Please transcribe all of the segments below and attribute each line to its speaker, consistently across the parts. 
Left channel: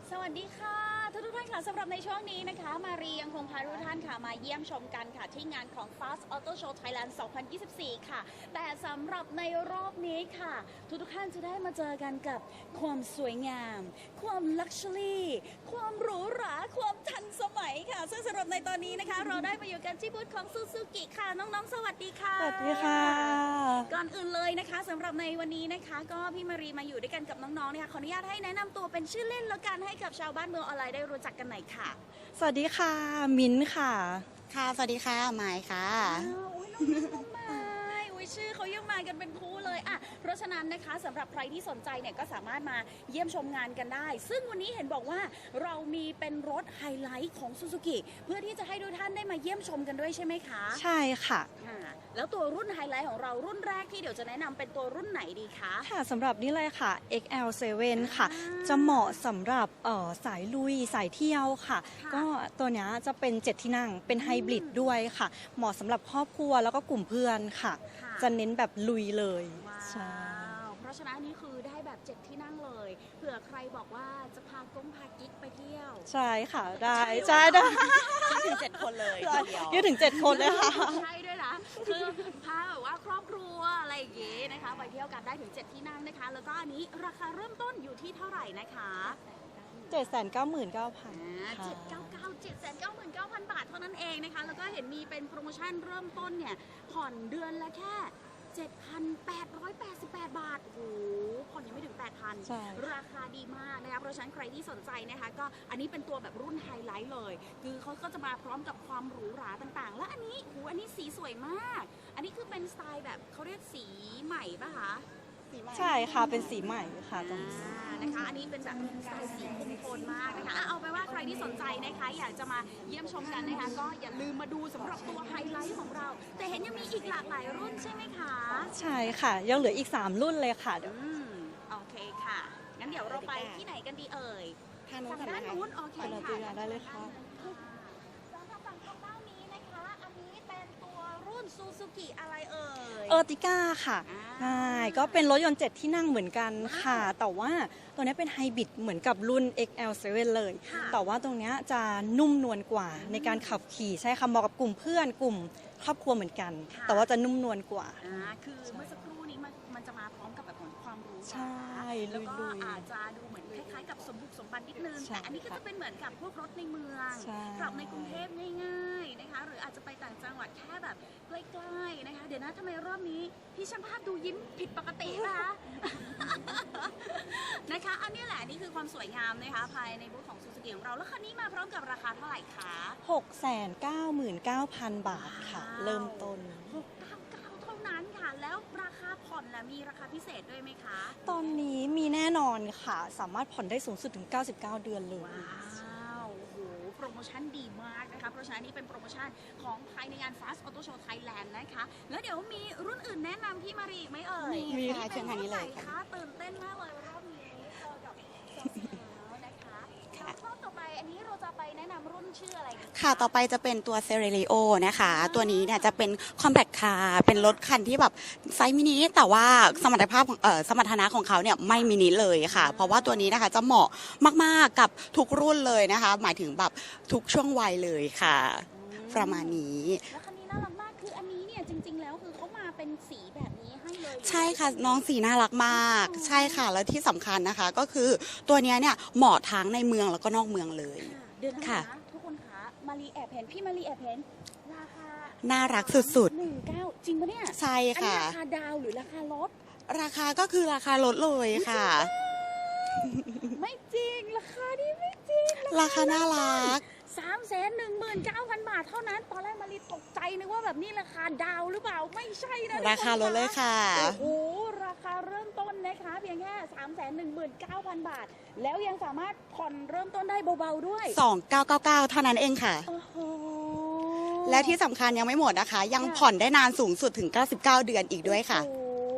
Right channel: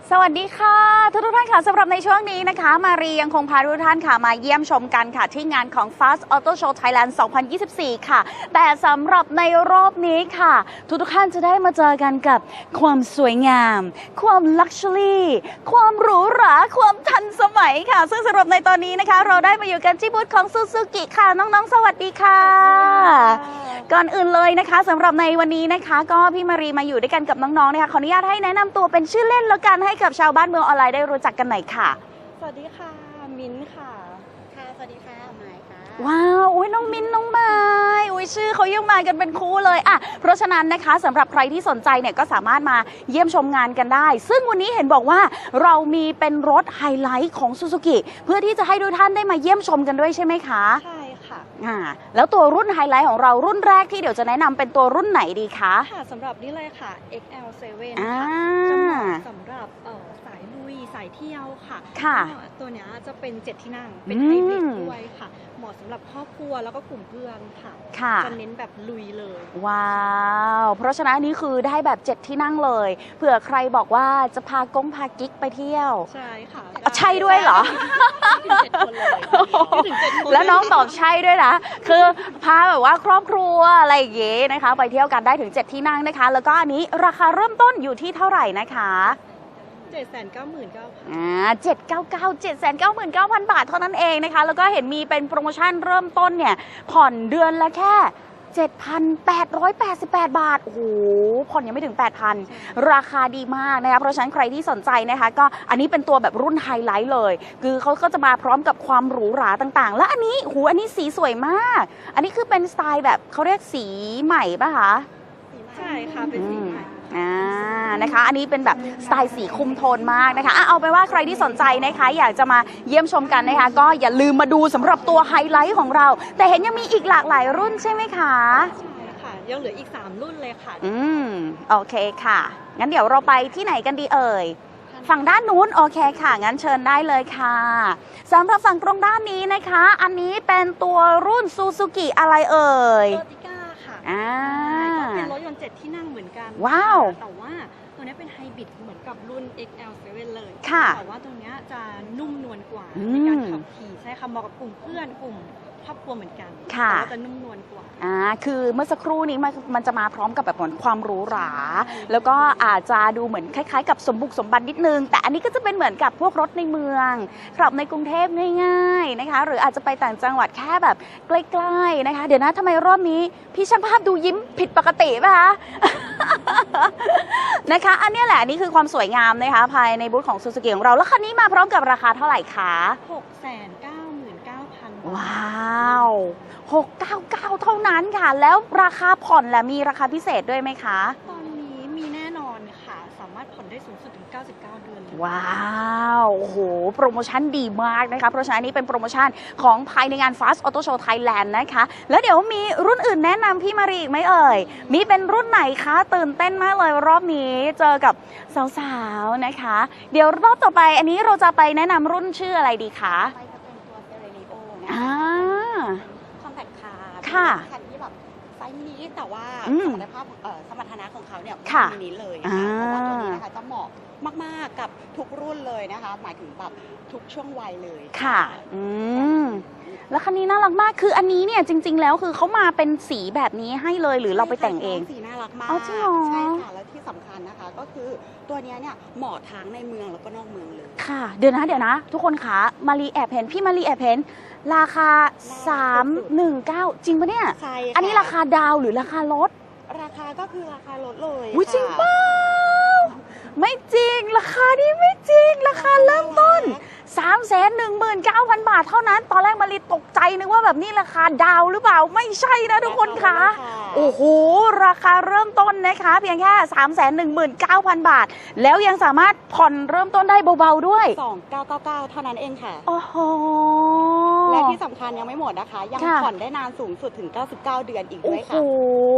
Speaker 1: สวัสดีค่ะทุกท่านค่ะสำหรับในช่วงนี้นะคะมารียังคงพาทุกท่านค่ะมาเยี่ยมชมกันค่ะที่งานของ Fast Auto Show Thailand 2024 ค่ะแต่สำหรับในรอบนี้ค่ะทุกท่านจะได้มาเจอกันกับความสวยงามความลักชัวรี่ความหรูหราความทันสมัยค่ะซึ่งสำหรับในตอนนี้นะคะเราได้มาอยู่กันที่บูธของ Suzuki ค่ะน้องๆสวัสดีค่ะก่อนอื่นเลยนะคะสำหรับในวันนี้นะคะก็พี่มารีมาอยู่ด้วยกันกับน้องๆนะคะขออนุญาตให้แนะนำตัวเป็นชื่อเล่นแล้วกันให้กับชาวบ้านเมืองออนไลน์ได้รู้จักกันหน่อยค่ะ
Speaker 2: สวัสดีค่ะมิ้นท์ค่ะ
Speaker 3: สวัสดีค่ะหมายค่ะ
Speaker 1: ว้าวอุ้ยน้องมิ้นน้องไม้อุ้ยชื่อเขายังมากันเป็นคู่เลยอ่ะเพราะฉะนั้นนะคะสำหรับใครที่สนใจเนี่ยก็สามารถมาเยี่ยมชมงานกันได้ ซึ่งวันนี้เห็นบอกว่าเรามีเป็นรถไฮไลท์ของ Suzuki เพื่อที่จะให้ทุกท่านได้มาเยี่ยมชมกันด้วยใช่ไหมคะ
Speaker 2: ใช่ค่ะ
Speaker 1: แล้วตัวรุ่นไฮไลท์ของเรารุ่นแรกที่เดี๋ยวจะแนะนำเป็นตัวรุ่นไหนดีคะ
Speaker 2: ค่ะสำหรับนี่เลยค่ะ XL7
Speaker 1: อ่า
Speaker 2: ค่ะ จะเหมาะสำหรับสายลุยสายเที่ยวค่ะ
Speaker 1: ค่ะ
Speaker 2: ก็ตัวเนี้ยจะเป็น7ที่นั่งเป็น
Speaker 1: อืม
Speaker 2: ไฮบริดด้วยค่ะ เหมาะสำหรับครอบครัวแล้วก็กลุ่มเพื่อนค่ะ
Speaker 1: ค่ะ
Speaker 2: จะเน้นแบบลุยเลย
Speaker 1: ว้าว เพราะฉะนั้นอันนี้คือได้แบบ7ที่นั่งเลย เผื่อใครบอกว่าจะพากงพากิ๊กไปเที่ยว
Speaker 2: ใช่ค่ะ
Speaker 1: ใช่ด้วยเหรอ
Speaker 2: ถึง7 คนเลยอยู่ถึง7 คน
Speaker 1: แล้วน้องตอบใช่ด้วยนะ คือพาแบบว่าครอบครัวอะไรอย่างเงี้ยนะคะ ไปเที่ยวกันได้ถึง7ที่นั่งนะคะ แล้วก็อันนี้ราคาเริ่มต้นอยู่ที่เท่าไหร่นะคะ
Speaker 2: 799,000
Speaker 1: 799,000 บาทเท่านั้นเองนะคะ แล้วก็เห็นมีเป็นโปรโมชั่นเริ่มต้นเนี่ยผ่อนเดือนละแค่ 7,888 บาท โอ้โห ผ่อนยังไม่ถึง 8,000 ราคาดีมากนะคะ เพราะฉะนั้นใครที่สนใจนะคะ ก็อันนี้เป็นตัวแบบรุ่นไฮไลท์เลย คือเขาก็จะมาพร้อมกับความหรูหราต่างๆ และอันนี้หูอันนี้สีสวยมาก อันนี้คือเป็นสไตล์แบบเขาเรียกสีใหม่ป่ะคะ
Speaker 2: ใช่ค่ะเป็นสีใหม่
Speaker 1: นะคะ อันนี้เป็นแบบสไตล์สีคุมโทนมากนะคะเอาไปนว่าใครที่สนใจนะคะ อยากจะมาเยี่ยมชมกันนะคะ ก็อย่าลืมมาดูสำหรับตัวไฮไลท์ของเรา แต่เห็นยังมีอีกหลากหลายรุ่นใช่ไหมคะ
Speaker 2: ใช่ค่ะ ยังเหลืออีก3รุ่นเลยค่ะ
Speaker 1: โอเคค่ะ งั้นเดี๋ยวเราไปที่ไหนกันดีเอ่ย ฝั่งด้านนู้นโอเคค่ะ งั้นเชิญได้เลยค่ะสำหรับฝั่งตรงด้านนี้นะคะ อันนี้เป็นตัวรุ่น Suzuki อะไรเอ่ย
Speaker 2: เออร์ติก้าค่ะ
Speaker 1: อ่า
Speaker 2: ก็เป็นรถยนต์7ที่นั่งเหมือนกัน
Speaker 1: ว้าว
Speaker 2: ค่ะแต่ว่าตัวนี้เป็นไฮบริดเหมือนกับรุ่น XL7 เลย
Speaker 1: ค่ะ
Speaker 2: แต่ว่าตรงเนี้ยจะนุ่มนวลกว่า
Speaker 1: อืม
Speaker 2: ในการขับขี่ใช่ค่ะเหมาะกับกลุ่มเพื่อนกลุ่มครอบครัวเหมือนกัน
Speaker 1: ค่ะ
Speaker 2: แต่ว่าจะนุ่มนวลกว่า
Speaker 1: คือเมื่อสักครู่นี้มันจะมาพร้อมกับแบบเหมือนความหรูหรา แล้วก็อาจจะดูเหมือนคล้ายๆ กับสมบุกสมบันนิดนึง แต่อันนี้ก็จะเป็นเหมือนกับพวกรถในเมืองขับในกรุงเทพง่ายๆนะคะ หรืออาจจะไปต่างจังหวัดแค่แบบใกล้ๆนะคะ เดี๋ยวนะทำไมรอบนี้พี่ช่างภาพดูยิ้มผิดปกติป่ะคะ นะคะ อันนี้แหละนี่คือความสวยงามนะคะภายในบูธของ Suzuki ของเรา แล้วคันนี้มาพร้อมกับราคาเท่าไหร่คะ
Speaker 2: 699,000 บาท
Speaker 1: ว้าว 699 เท่านั้นค่ะ แล้วราคาผ่อนและมีราคาพิเศษด้วยไหมคะ
Speaker 2: ตอนนี้มีแน่นอนค่ะ สามารถผ่อนได้สูงสุดถึง 99 เดือนเลย
Speaker 1: ว้าวโอ้โห โปรโมชั่นดีมากนะคะ เพราะฉะนั้นนี่เป็นโปรโมชั่นของภายในงาน Fast Auto Show Thailand นะคะ แล้วเดี๋ยวมีรุ่นอื่นแนะนำพี่มารีอีกไหมเอ่ย มีเป็นรุ่นไหนคะ ตื่นเต้นมากเลยรอบนี้เจอกับสาวๆ นะคะ เดี๋ยวรอบต่อไปอันนี้เราจะไปแนะนำรุ่นชื่ออะไรดี
Speaker 3: ค่ะ
Speaker 1: คะ
Speaker 3: ต่อไปจะเป็นตัวเซเร r ิโอนะคะ
Speaker 1: อ่า
Speaker 3: ตัวนี้เนี่ยจะเป็นคอมแพคคาร์เป็น
Speaker 1: ค่ะ
Speaker 3: รถคันที่แบบไซส์มินิแต่ว่า
Speaker 1: อืม
Speaker 3: สมรรถภาพสมรรถนะของเขาเนี่ยไม่
Speaker 1: ค่ะ
Speaker 3: มินิเลยค่ะ
Speaker 1: อ่า
Speaker 3: เพราะว่าตัวนี้นะคะจะเหมาะมากๆกับทุกรุ่นเลยนะคะ หมายถึงแบบทุกช่วงวัยเลยค่ะ
Speaker 1: อืม
Speaker 3: ประมาณนี้
Speaker 1: แล้วคันนี้น่ารักมาก คืออันนี้เนี่ยจริง ๆ แล้วคือเขามาเป็นสีแบบนี้ให้เลยหรือเราไปแต่งเอ
Speaker 3: ใช่ค่ะ
Speaker 1: ง
Speaker 3: สีน่ารักมา
Speaker 1: อ๋อจริงเหร
Speaker 3: ก
Speaker 1: อ
Speaker 3: ใช่ค่ะ แล้วที่สำคัญนะคะก็คือตัวเนี้ยเนี่ยเหมาะทั้งในเมืองแล้วก็นอกเมืองเลย
Speaker 1: ค่ะ เดี๋ยวนะ
Speaker 3: ค่ะ
Speaker 1: เดี๋ยวนะ ทุกคนคะมารีแอบเห็นพี่มารีแอบเห็นราคา
Speaker 3: น่ารักสุดๆ
Speaker 1: 319 จริงปะเนี่ย
Speaker 3: ใช่ค่ะ
Speaker 1: อันนี้ราคาดาวหรือราคารถ
Speaker 3: ราคาก็คือราคาลดเลย
Speaker 1: อุ๊ยจริง
Speaker 3: ค่ะ
Speaker 1: เปล่า ไม่จริง ราคานี้ไม่จริง ราคาเริ่มต้น 319,000 บาทเท่านั้น ตอนแรกมารีตกใจนึกว่าแบบนี้ราคาดาวหรือเปล่า ไม่ใช่นะทุกคน
Speaker 3: รา
Speaker 1: คะ
Speaker 3: คาลดเลยค่ะ
Speaker 1: โอ้โห ราคาเริ่มต้นนะคะ เพียงแค่ 319,000 บาท แล้วยังสามารถผ่อนเริ่มต้นได้เบาๆด้วย
Speaker 3: 2999 เท่านั้นเองค่ะ
Speaker 1: โอ้โห
Speaker 3: และที่สำคัญยังไม่หมดนะคะ ยัง
Speaker 1: ค่ะ
Speaker 3: ผ่อนได้นานสูงสุดถึง 99 เดือนอีกด้วยค่ะ
Speaker 1: โอ้โห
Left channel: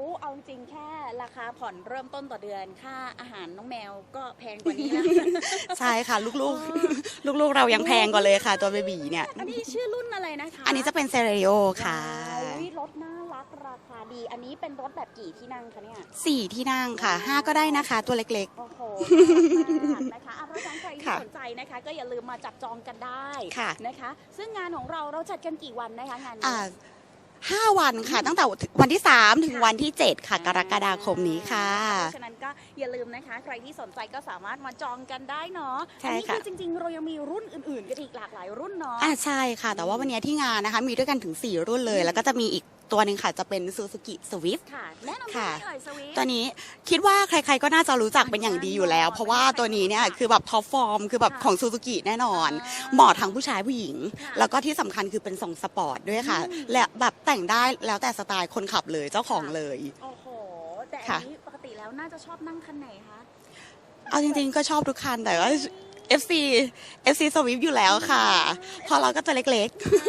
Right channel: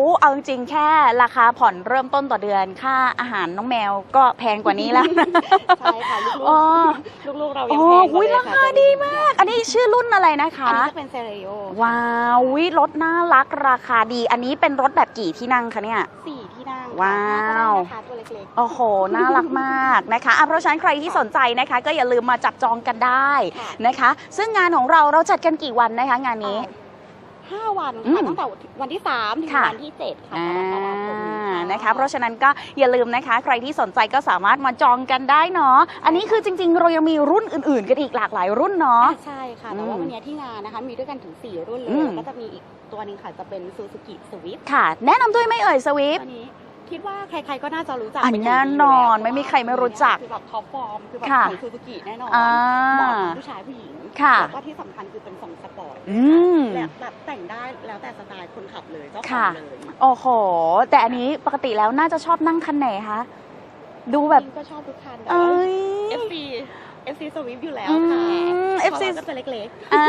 Speaker 1: เอาจริงๆแค่ราคาผ่อนเริ่มต้นต่อเดือนค่าอาหารน้องแมวก็แพงกว่านี้แล้ว
Speaker 3: ใช่ค่ะ ลูก
Speaker 1: อ๋อ
Speaker 3: ๆลูกๆเรายังแพงกว่าเลยค่ะ ตัวเบบีเนี่ย
Speaker 1: อันนี้ชื่อรุ่นอะไรนะคะ
Speaker 3: อันนี้จะเป็นเซเรโอค่ะ
Speaker 1: ว้าวอุ๊ยรถน่ารักราคาดี อันนี้เป็นรถแบบกี่ที่นั่งคะเนี่ย
Speaker 3: 4 ที่นั่ง
Speaker 1: ว้า
Speaker 3: ค่ะ
Speaker 1: ว
Speaker 3: 5ก็ได้นะคะ ตัวเล็ก
Speaker 1: โอ้โห น่ารักมากนะคะเพราะฉะนั้นใครที่
Speaker 3: ค่ะ
Speaker 1: สนใจนะคะ ก็อย่าลืมมาจับจองกันได้
Speaker 3: ค่ะ
Speaker 1: นะคะ ซึ่งงานของเราจัดกันกี่วันนะคะงาน
Speaker 3: ๆ
Speaker 1: นี้
Speaker 3: 5 วันค่ะ
Speaker 1: อืม
Speaker 3: ตั้งแต่วันที่ 3 ถึง
Speaker 1: ค่ะ
Speaker 3: วันที่ 7 ค่ะ กรกฎาคมนี้ค่ะ
Speaker 1: นะคะ เพราะฉะนั้นก็อย่าลืมนะคะ ใครที่สนใจก็สามารถมาจองกันได้เนาะ อันนี้คือจริง ๆ เรายังมีรุ่นอื่น ๆ กันอีกหลากหลายรุ่นเนาะ
Speaker 3: ใช่ค่ะ แต่ว่าวันนี้ที่งานนะคะ มีด้วยกันถึง 4 รุ่นเล
Speaker 1: อื
Speaker 3: ย
Speaker 1: ม
Speaker 3: แล้วก็จะมีอีกตัวหนึ่งค่ะ จะเป็น Suzuki Swift
Speaker 1: ค่ะ แนะนำด้วยไหม่เอ่ยสวิฟ
Speaker 3: ตัวนี้คิดว่าใครๆก็น่าจะรู้จัก
Speaker 1: อัน
Speaker 3: เป็นอย่างดีอยู่แล้ว
Speaker 1: แน่นอน
Speaker 3: เพ
Speaker 1: ไม่
Speaker 3: ราะ
Speaker 1: มี
Speaker 3: ว่า
Speaker 1: ใคร
Speaker 3: ตัว
Speaker 1: ไม่รู้
Speaker 3: นี้เนี่
Speaker 1: จั
Speaker 3: ย
Speaker 1: ก
Speaker 3: คือแบบท็อปฟอร์มคือแบบ
Speaker 1: ค่ะ
Speaker 3: ของซูซูกิแน่นอน
Speaker 1: อ่า
Speaker 3: เหมาะทั้งผู้ชายผู้หญิง
Speaker 1: ค่ะ
Speaker 3: แล้วก็ที่สำคัญคือเป็นทรงสปอร์ตด้วยค่ะ
Speaker 1: อืม
Speaker 3: และแบบแต่งได้แล้วแต่สไตล์คนขับเลยเจ้าของ
Speaker 1: ค่ะ
Speaker 3: เลย
Speaker 1: โอ้โห แต่อันนี้ปกติแล้วน่าจะชอบนั่งคันไหนคะดู
Speaker 3: เอา
Speaker 1: แบบ
Speaker 3: จริงๆก็ชอบทุกคันแต่ว่า FC Swift อยู่แล้วค่ะ
Speaker 1: อืม
Speaker 3: เพราะ
Speaker 1: FC
Speaker 3: เราก็จะเล็ก
Speaker 1: อ่า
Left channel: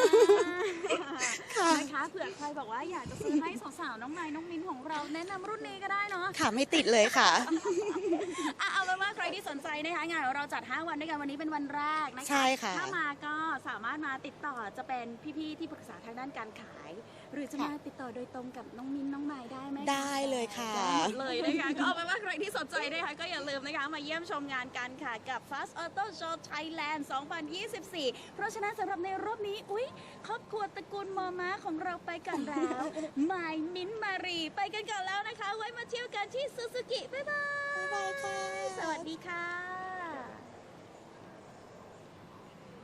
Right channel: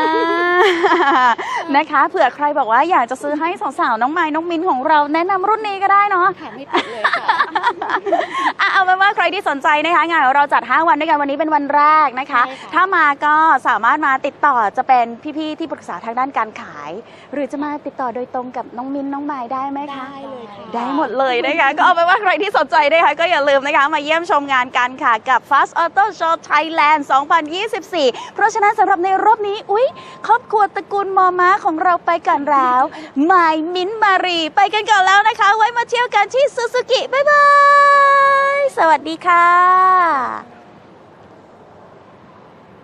Speaker 1: นะคะเผื่อใครบอกว่าอยากจะซื้อให้สาวๆน้องไม้น้องมินของเราแนะนำรุ่นนี้ก็ได้เนาะ
Speaker 3: ๆ ค่ะไม่ติดเลยค่ะ
Speaker 1: เอาเป็นว่าใครที่สนใจนะคะงานของเราจัด 5 วันด้วยกันวันนี้เป็นวันแรกนะคะ
Speaker 3: ใช่ค่ะ
Speaker 1: ถ้ามาก็สามารถมาติดต่อจะเป็นพี่ๆที่ปรึกษาทางด้านการขาย หรือจะมาติดต่อโดยตรงกับน้องมินน้องไม้ได้ไหมคะ
Speaker 3: ได้เลยค่ะ
Speaker 1: ได้หมดเลยนะคะ ก็เอาเป็นว่าใครที่สนใจนะคะก็อย่าลืมนะคะมาเยี่ยมชมงานกันค่ะกับ Fast Auto Show Thailand 2024 เพราะฉะนั้นสำหรับในรอบนี้อุ๊ยครอบครัวตระกูลมอม้าของเราไปกันแล้วไมายมิ้นท์มารีไปกันก่อนแล้วนะคะ ไว้มาเที่ยวกันที่ซูซูกิบ๊ายบาย สวัสดีค่ะ